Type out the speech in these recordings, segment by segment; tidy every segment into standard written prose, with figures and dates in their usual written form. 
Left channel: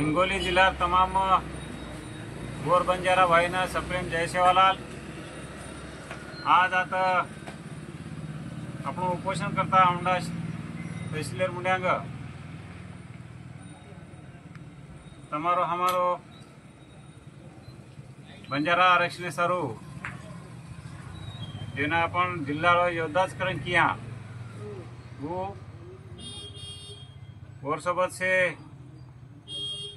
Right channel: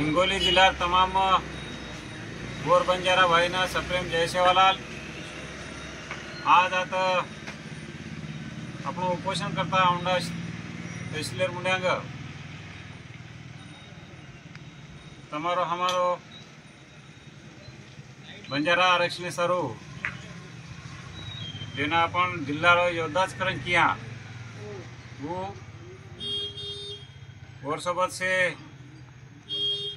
हिंगोली जिला तमाम गोर बंजारा भाईना सप्रेम जय सेवालाल। आज आता आपण उपोषण करता औंढा तहसीलदार मुंड्यांग तमारो हमारो बंजारा आरक्षण सारू जेना अपन जिल्ला योद्धाच करण किया वो और सोबत से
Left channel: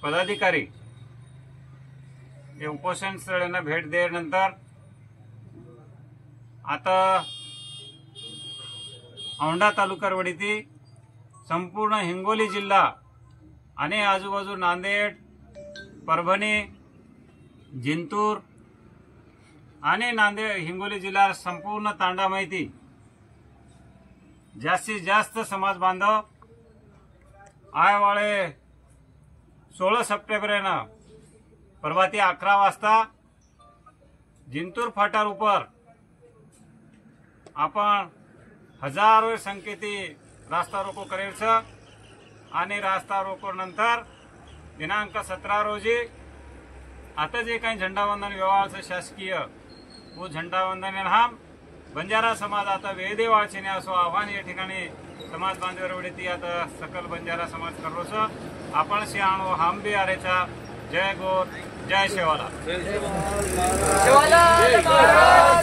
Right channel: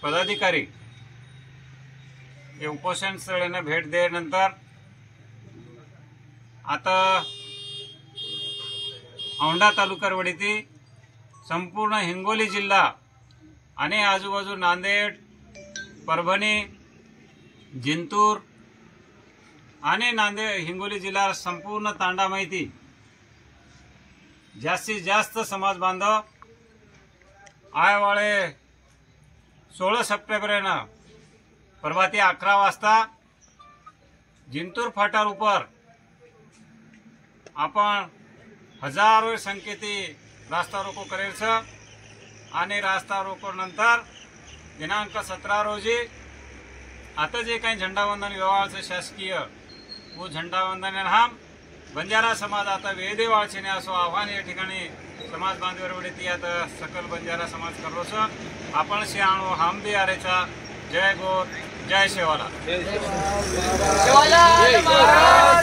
पदाधिकारी हे उपोषण स्थळांना भेट दिल्यानंतर आता औंढा तालुक्यावरती संपूर्ण हिंगोली जिल्हा आणि आजूबाजू नांदेड, परभणी, जिंतूर आणि हिंगोली जिल्हा संपूर्ण तांडा माहिती जास्तीत जास्त समाज बांधव आयवाळे 16 सप्टेंबर प्रभाती 11 वाजता जिंतूर फाटार ऊपर आपण हजारों संख्येती रास्ता रोको करेल छ आणि रास्ता रोको नंतर दिनांक 17 रोजी आता जे काही झेंडावंदन व्यवहार शासकीय वो झेंडावंदन हम बंजारा समाज आता वेदे वाळछेने असो आव्हान या ठिकाणी समाज बांधवरवडती आता सकल बंजारा समाज करलो छ। आपण शियाणो हम भी आरेचा जय गोर जय सेवालाल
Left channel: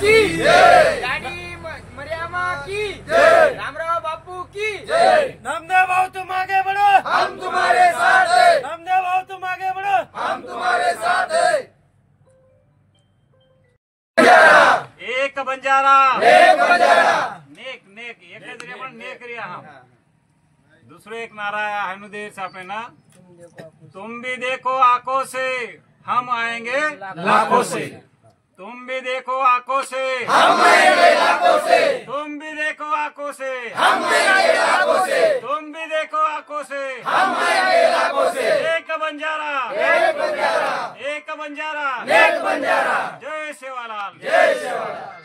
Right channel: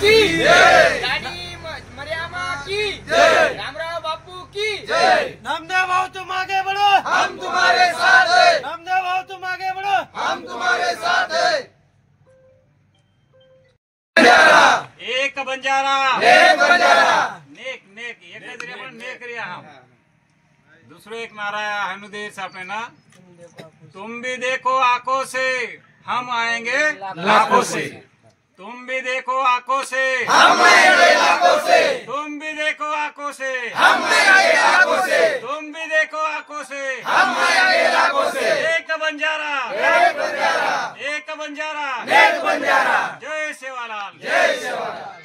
की जय, गाड़ी मरियामा की जय, रामराव बापू की जय। नामदेव भाव तुम आगे बढ़ो, हम तुम्हारे साथ है। नामदेव भाव तुम आगे बढ़ो, हम तुम्हारे साथ है। एक बंजारा एक बंजारा नेक नेक एक जरी आपण नेक रिया हम दूसरे एक नारा हनुदेश आपने ना तुम भी देखो आंखों से हम आएंगे लाखों से। तुम भी देखो आंखों से हम आएंगे लाखों से। तुम भी देखो आंखों से हम आएंगे लाखों से। तुम भी देखो आंखों से हम आएंगे लाखों से। एक बंजारा एक बंजारा एक बंजारा एक बंजारा। जय सेवालाल जय सेवालाल।